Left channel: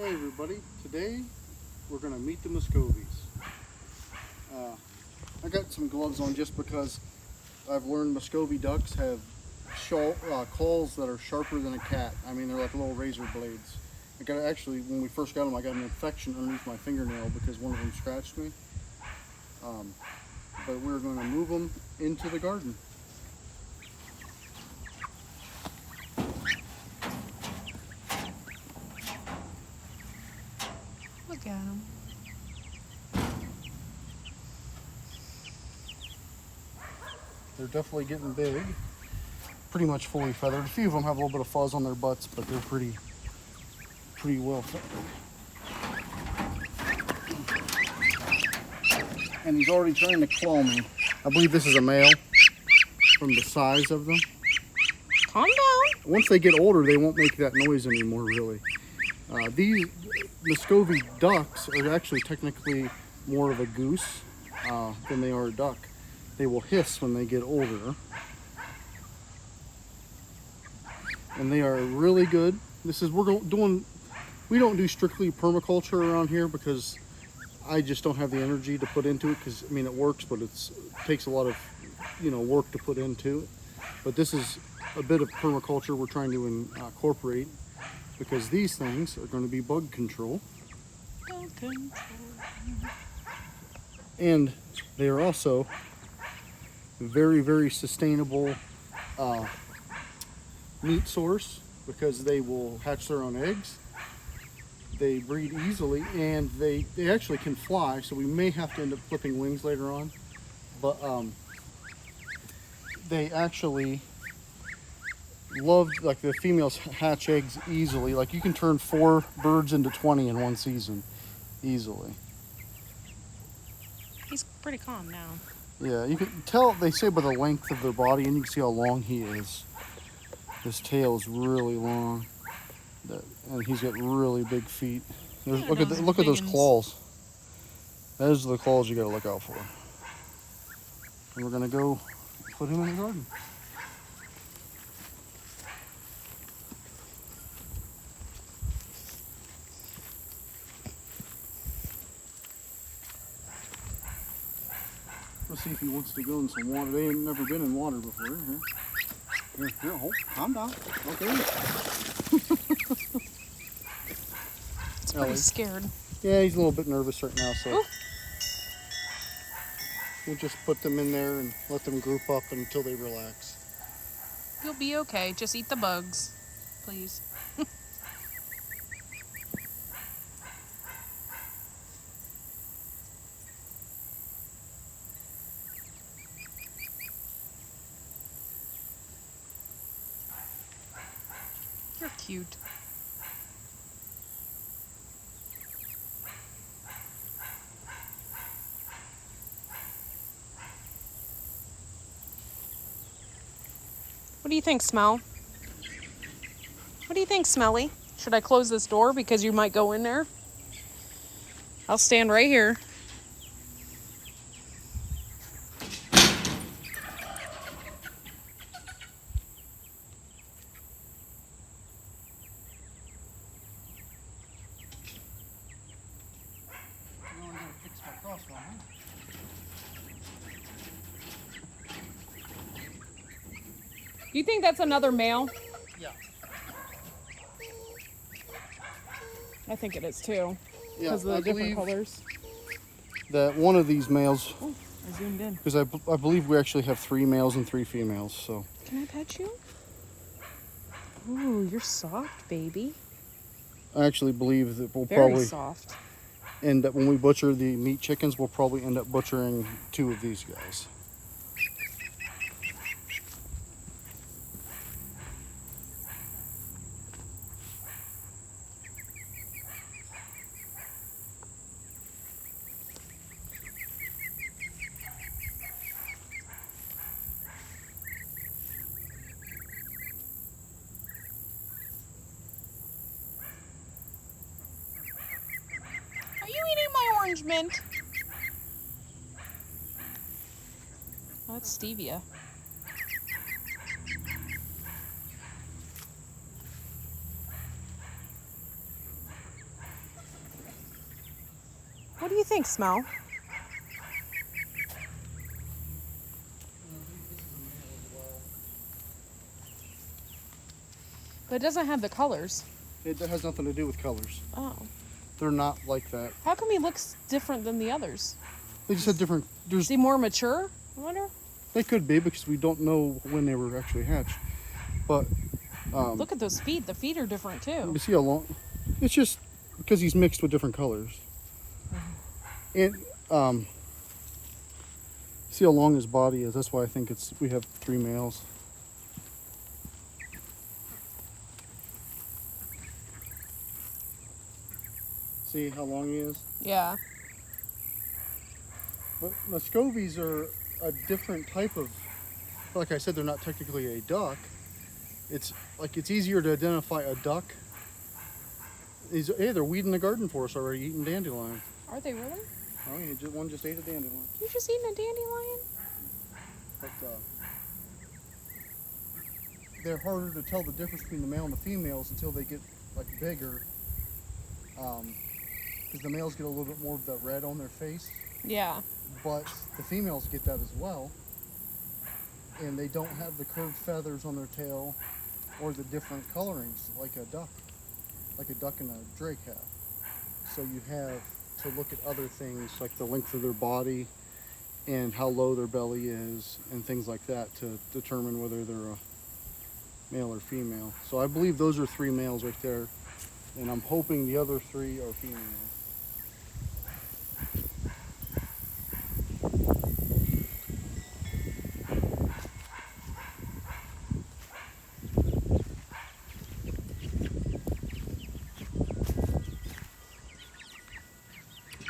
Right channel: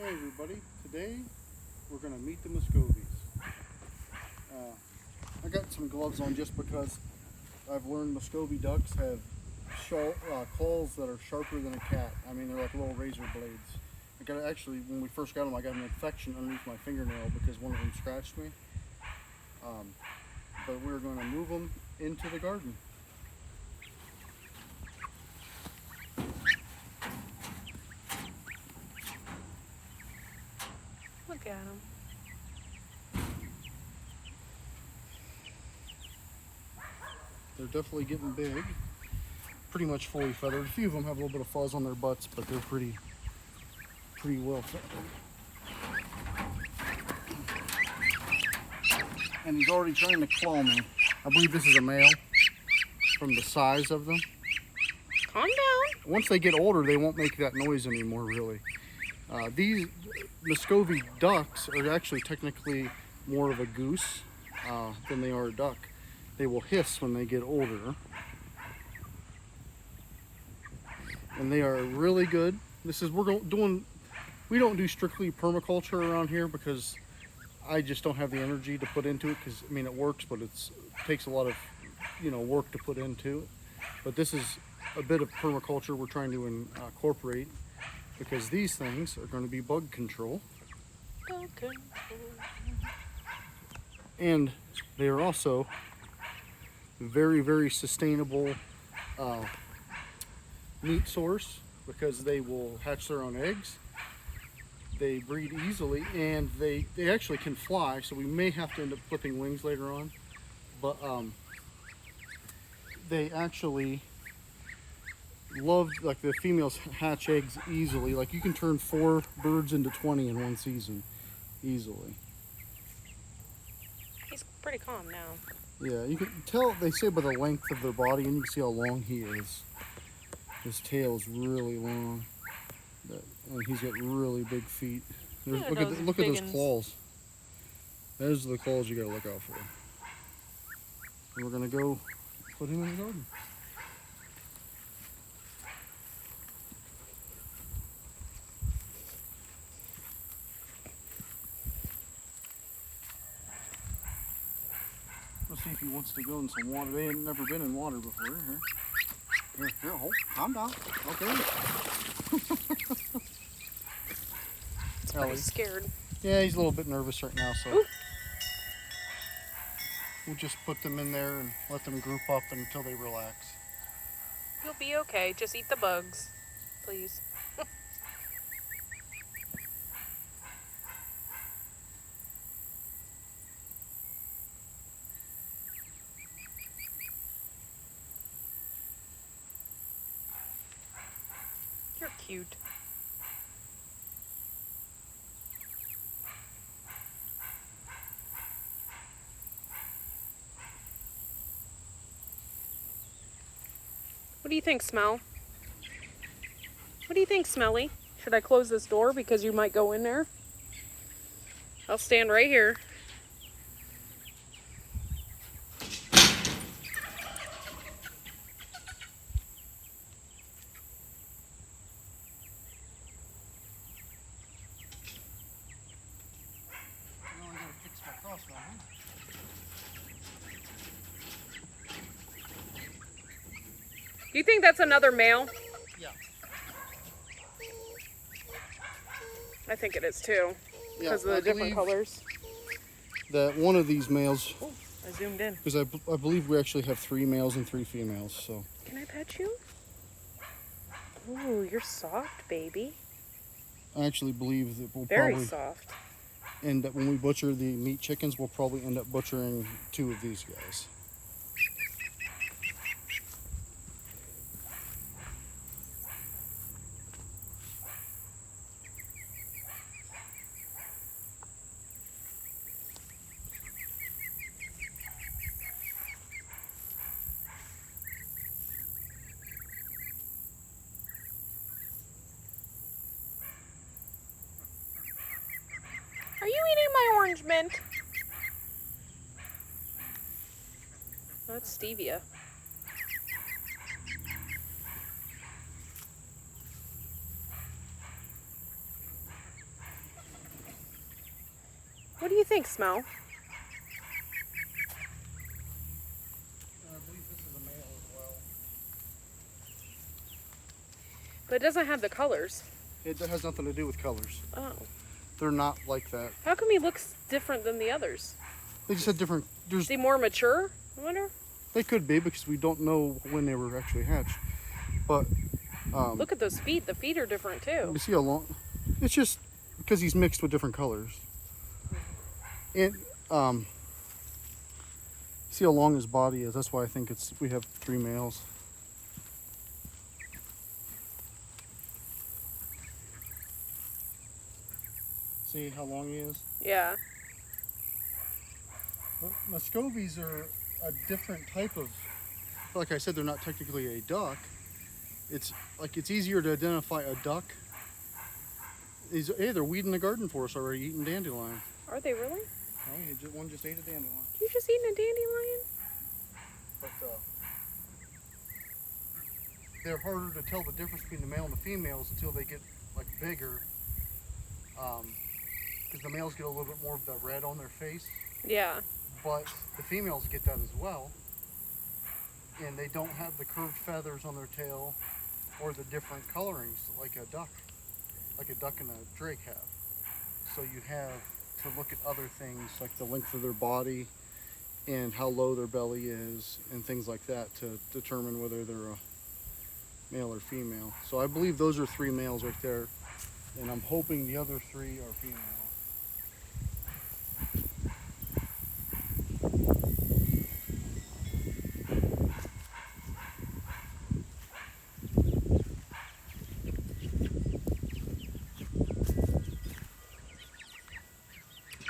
Hey everybody, today we're going to meet the muscovies. I got some gloves on just because I've learned muscovy ducks have claws that are sharper than a cat. I mean, they're like little razor blades. Actually, when we first got them, I got an infection underneath my fingernail because one of them scratched me. But we're going to move them into the garden. Look at them. They're definitely getting big. Pretty much fully feathered. A few of them have a little bit of fuzz on their butts, but they're pretty well feathered. And he's already trying to claw me. I believe this is a male from the size of them. Calm down. Once they get older, they won't make that noise anymore, really. These muscovy ducks are actually technically more of a goose than they are a duck. They will hiss when they get older. And they are really good. We don't do strictly permaculture around here because I just don't have the energy to put into it, because I mean it works, but it takes a lot of work to put into it. But this is a bit of permaculture we're trying to incorporate, because these things are going to be bug control. And they are also very, very sustainable meat source, because they will hatch their own eggs. They breed easily, and they actually can fly, so we may have to end up clipping wings later on. But they actually like the females hatch eggs easily. Like you can turn 4 birds into 20 in one season easily. He's pretty calm now. Yeah, you can tell, they say, by the length of their body, and you can see how long he is. His tail is really long, and he's got really big feet. Look at those claws. Those are the claws you got to look out for. And we're gonna go put him in the garden. Let's see if he wants to go in some water. They ain't never been in water before. Here, hold, calm down. Okay. He's pretty scared. Yeah, he's a little bit nervous right now, so Ooh. we'll just put them in there and let them group up until they relax. You'll be okay. Just eat the bugs, please. You're cute. What do you think, Smell? What do you think, Smelly? Should I close this door because you might go in there? I'll stand right here. Do you think that's another male? Yeah. I think it is too. Yeah, Because of the different colors. That one of these males. Oh, I zoomed in. Because I believe we actually have 3 males and 3 females. So. Can I pet you? Ooh, you're soft, baby. I actually believe that we'll Very probably soft. end up, when we butcher the meat chickens, we'll probably end up butchering 2 of these guys. Are you eating my orange mint? Oh, that's stevia. do you think, Smell? I believe this is a male as well. But it doesn't have the colors. It has nothing to do with colors. Oh. They're not like that. How come he looks different than the others? They just had different. Is he more mature? I wonder. They could be because we don't know when they were actually hatched. But Look at those feet. The feet are different too. you see how long? It's just because he's mixed with different colors. And see how long his body is. That's why I think we have 3 males. See how long he is? Yeah. But muscovies are a different type of, like I said, they're not technically a duck. It's easier to identify a duck. Hey, they're weeding the garden for us already, eating dandelion. Are they really? Oh, yeah, one just ate a dandelion. You just eating a dandelion? But they're harder to tell the difference between the male and the females until they get like bigger. Because the males get a little bit more of the red on their face. Yeah. But the females get that as well. And they don't have the curved feathers on their tail or the different colorings like a duck and a drake have. So you have to look at other things like the length of their body and how low their belly is and things like that to determine whether they're a male or female. So I believe those are 3 males right there, and I'm hoping the other 3 are females.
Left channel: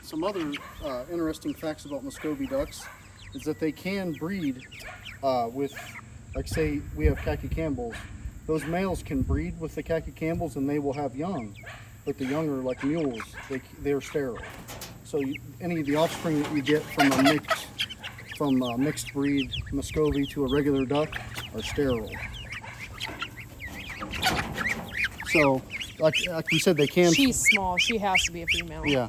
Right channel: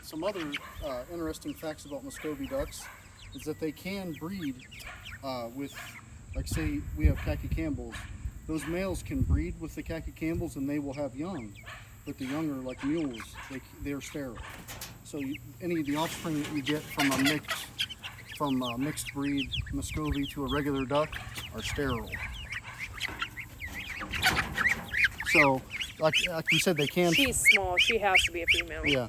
Some other interesting facts about muscovy ducks is that they can breed with, like say we have khaki Campbells. Those males can breed with the khaki Campbells and they will have young, but the young are like mules. They're sterile. So any of the offspring that you get from a mixed breed muscovy to a regular duck are sterile. So like we said, they can. She's small. She has to be a female. Yeah.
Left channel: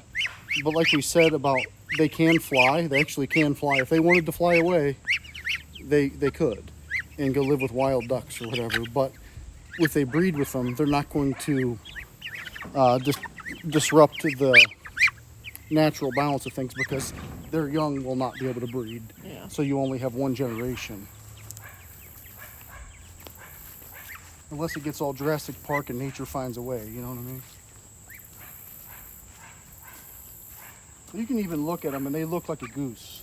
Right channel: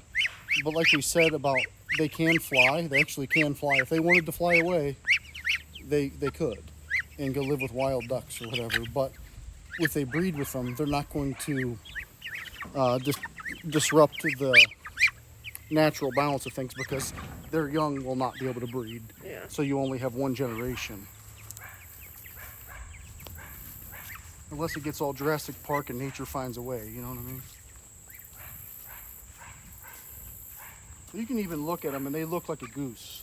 But like we said about they can fly, they actually can fly. If they wanted to fly away, they could and go live with wild ducks or whatever. But if they breed with them, they're not going to disrupt the natural balance of things because their young will not be able to breed. Yeah. So you only have 1 generation. Unless it gets all Jurassic Park and nature finds a way, you know what I mean? You can even look at them and they look like a goose,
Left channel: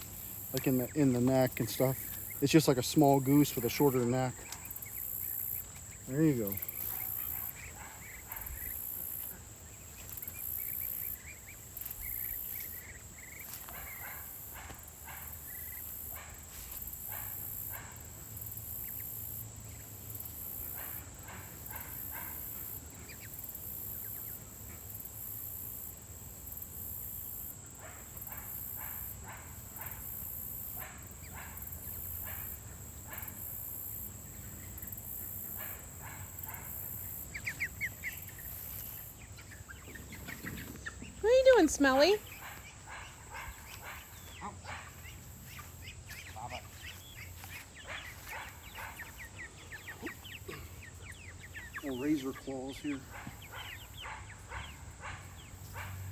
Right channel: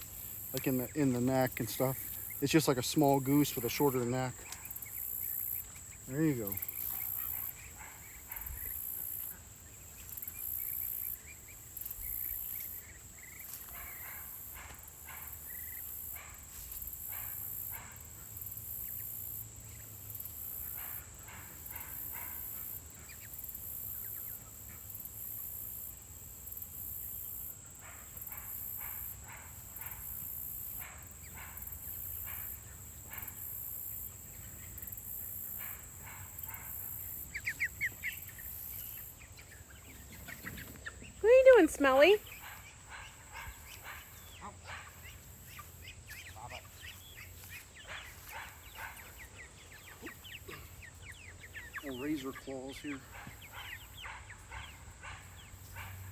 like in the neck and stuff. It's just like a small goose with a shorter neck. There you go. What are you doing, Smelly? Little razor claws here.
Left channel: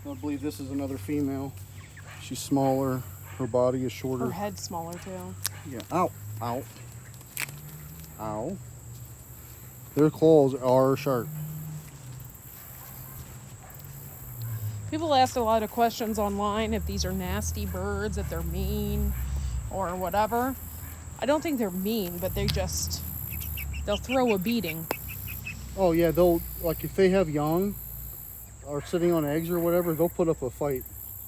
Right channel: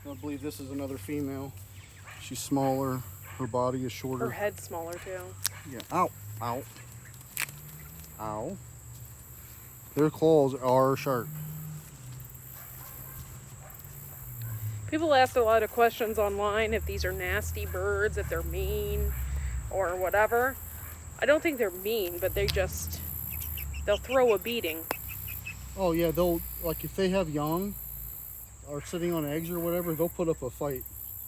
I believe this is another female. She's smaller. Her body is shorter. Her head's smaller too. Yeah. Ow. Ow. Ow. Their claws are sharp. People ask a lot of questions online if these are nasty birds, if they're mean or whatever. I don't think they're mean, but they'll throw a beating. Oh yeah, they'll, like if they have young or sitting on eggs or whatever, they'll put up a fight.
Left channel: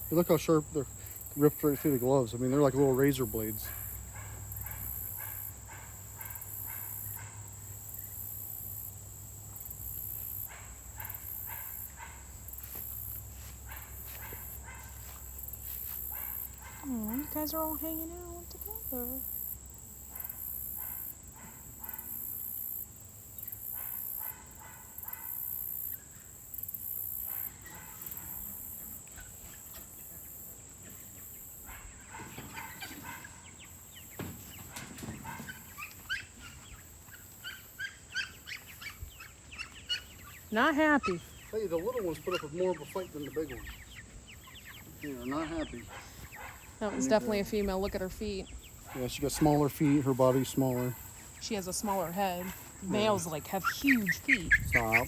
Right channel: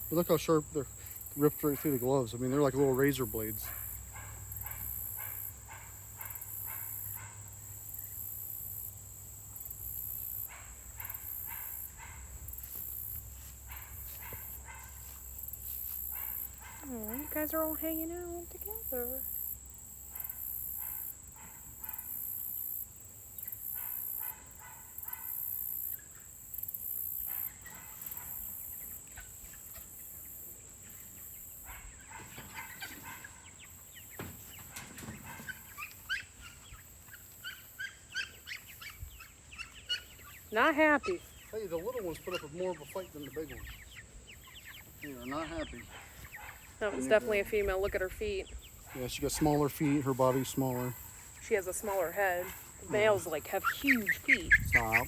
But look how sharp they're ripped right through the gloves. I mean, they're like little razor blades. Oh, you guys are all hanging out together. Not happy. Tell you, the little ones put up more of a fight than the big ones. They are not happy. That was definitely a female. Look at her feet. Yeah, she got smaller feet. Her body's smaller. She has a smaller head. Males like have huge feet. Stop.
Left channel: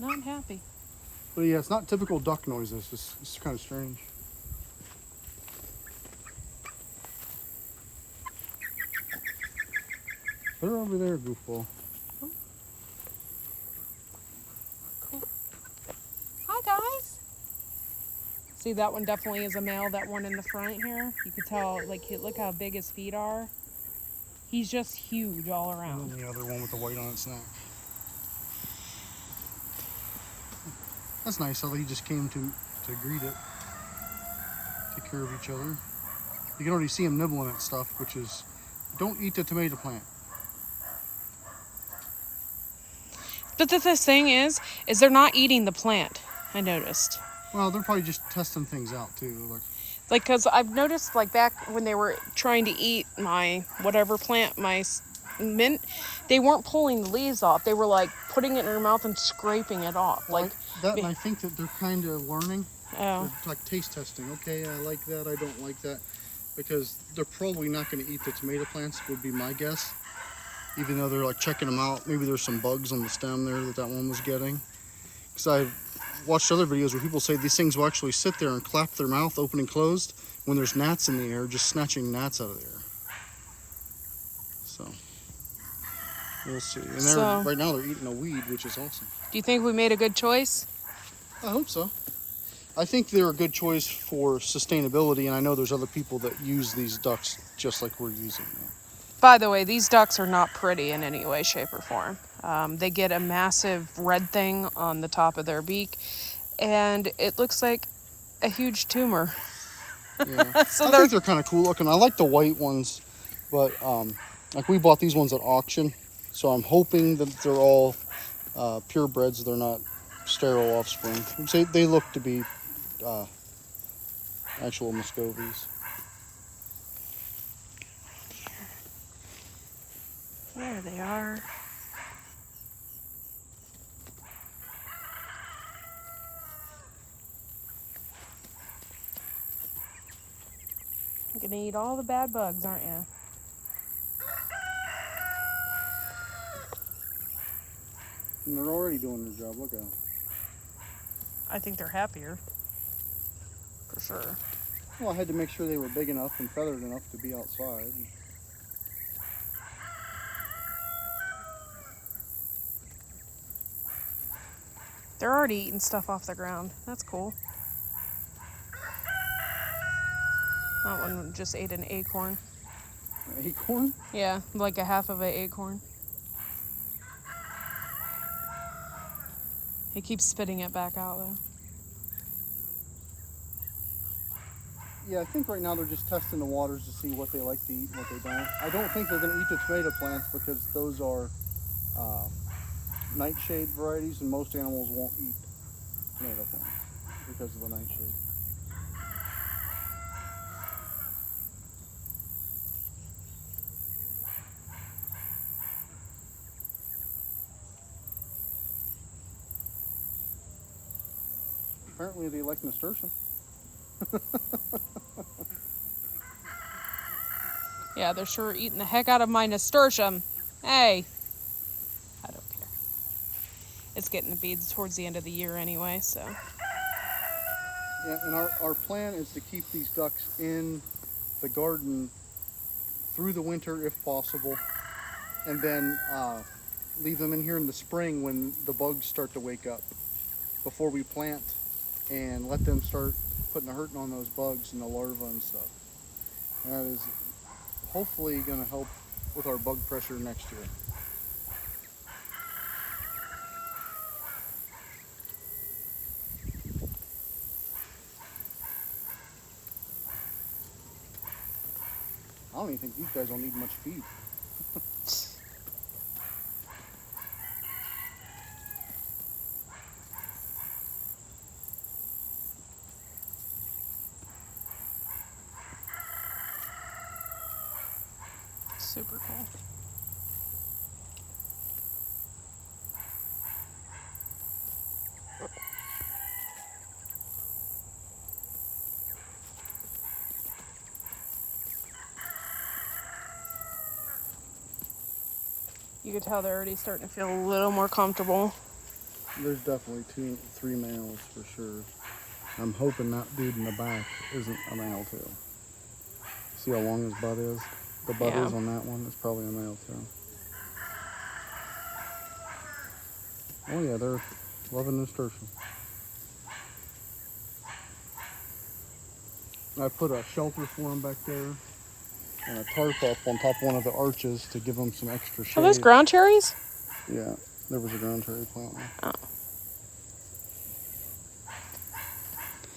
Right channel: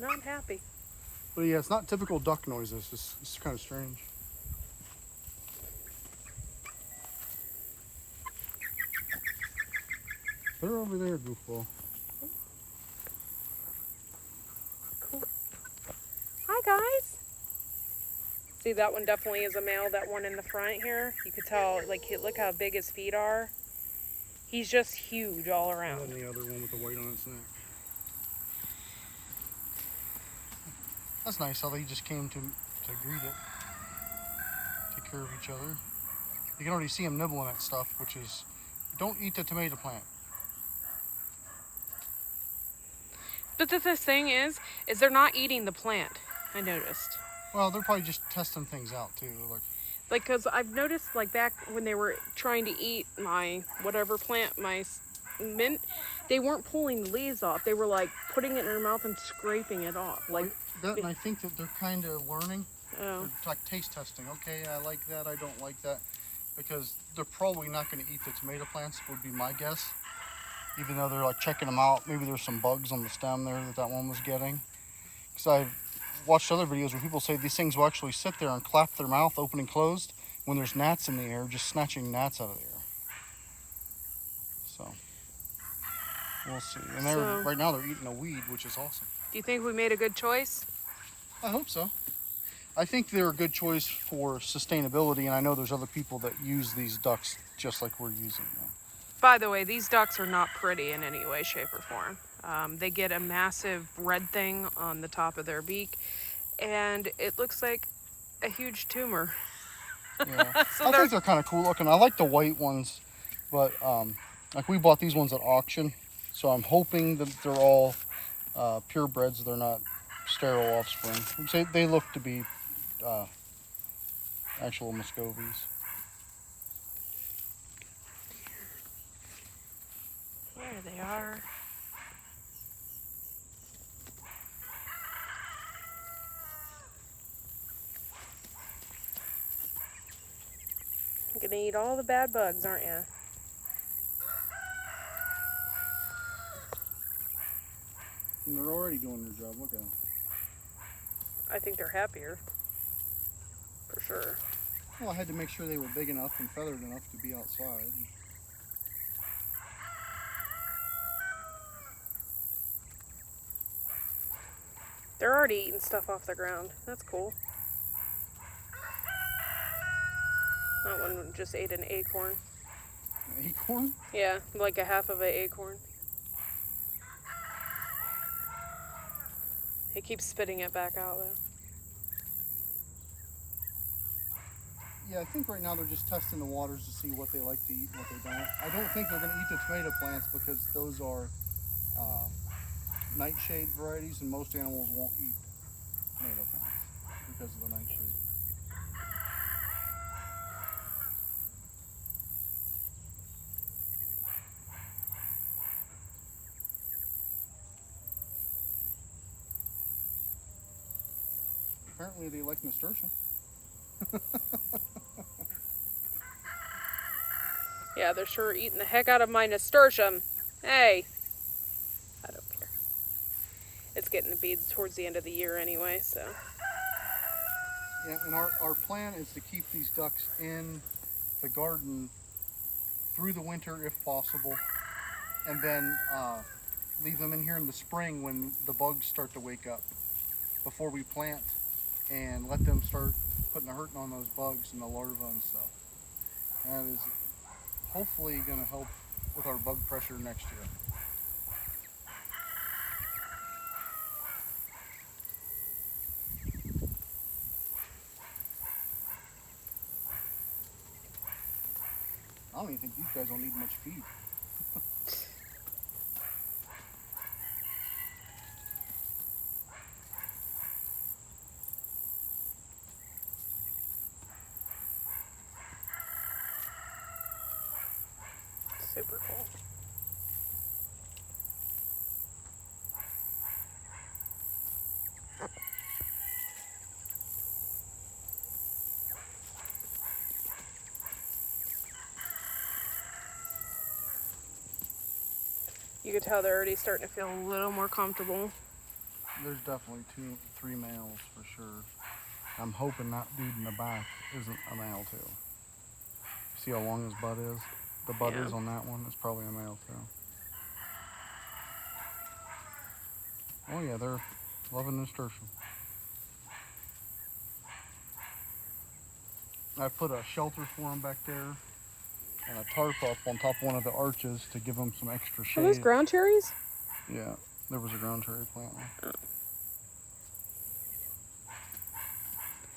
Not happy. But yeah, it's not typical duck noises. It's kind of strange. They're over there, goofball. Cool. Hi, guys. See, that one definitely is a male. That one in the front here, you could tell, like, look how big his feet are. He's just huge all around. And then the other one with the white on its neck. That's nice how they just came to greet it. Take care of each other. You can already see them nibbling at stuff, which is, don't eat the tomato plant. But the thing is they're not eating the plant, I noticed. Well, they're probably just testing things out too. Like, because I've noticed, like, back when they were trying to eat my whatever plant, my mint, they weren't pulling the leaves off. They were, like, putting it in their mouth and scraping it off. Like that, and I think that they're kind of learning. Oh. They're like taste testing. Okay, I like that, I don't like that. Because they're probably not going to eat the tomato plants, would be my guess. Even though they're, like, checking them out. Maybe there's some bugs on the stem there that one was getting. Because I've watched other videos where people say these things will actually sit there and clap their mouth open and closed when there's gnats in the air, just snatching gnats out of the air. So, we'll see. And right now they're eating a weed, which is awesome. Do you think we made a good choice? I hope so. I think they're a good choice for sustainability, and I know there's other people that use these ducks just like we're using them. By the way, these ducks are not pretty in any way, shape, or form. They get a massive red thing on the top of their beak, and it looks like a huge tumor. Yeah. So I think they're kind of cool looking. I like the white ones, but like we bought these ones at auction, so I'm hoping that they're all purebreds. They're not sterile offspring. They look to be actual muscovies. There they are. You're gonna eat all the bad bugs, aren't you? And they're already doing their job. Look at them. I think they're happier. For sure. Well, I had to make sure they were big enough and feathered enough to be outside. They're already eating stuff off the ground. That's cool. That one just ate an acorn. An acorn? Yeah, like a half of an acorn. He keeps spitting it back out though. Yeah, I think right now they're just testing the waters to see what they like to eat and what they don't. I don't think they're going to eat the tomato plants because those are nightshade varieties, and most animals won't eat tomato plants because of the nightshade. Apparently they like nasturtium. Yeah, they're sure eating the heck out of my nasturtium. Hey! I don't care. It's getting to be towards the end of the year anyway, so. Yeah, and our plan is to keep these ducks in the garden through the winter if possible, and then leave them in here in the spring when the bugs start to wake up before we plant, and let them start putting a hurting on those bugs and the larvae and stuff. And that is hopefully going to help with our bug pressure next year. I don't even think these guys don't need much feed. Super cool. You could tell they're already starting to feel a little more comfortable. There's definitely three males for sure. I'm hoping that dude in the back isn't a male too. See how long his butt is? The butt Yeah. is on that one. It's probably a male too. Oh yeah, they're loving nasturtium. I put a shelter for them back there and a tarp up on top of one of the arches to give them some extra shade. Are those ground cherries? Yeah, there was a ground cherry plant there. Oh.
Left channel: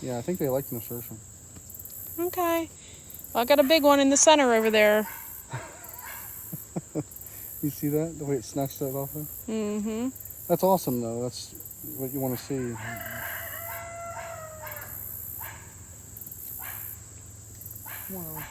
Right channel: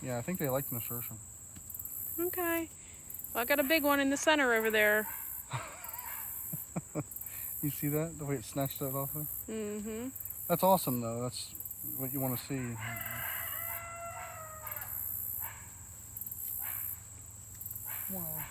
Yeah, I think they like nasturtium. Okay. Well, I got a big one in the center over there. You see that? The way it snatched that off there? Mm-hmm. That's awesome though. That's what you want to see. Wow.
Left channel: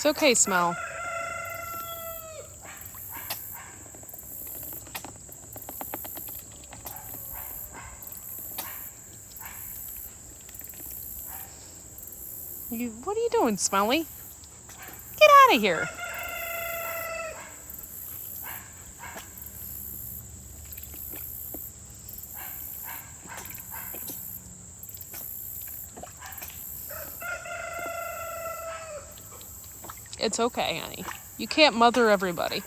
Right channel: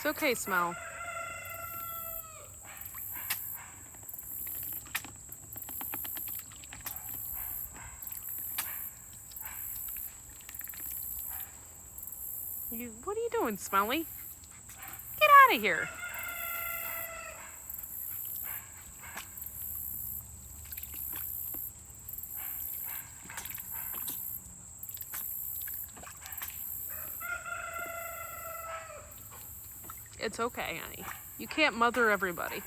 It's okay, Smell. What are you doing, Smelly? Get out of here. It's okay, honey. You can't mother everybody.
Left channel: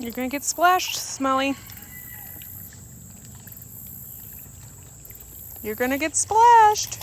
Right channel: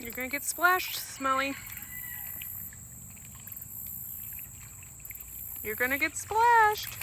You're gonna get splashed, Smelly. You're gonna get splashed.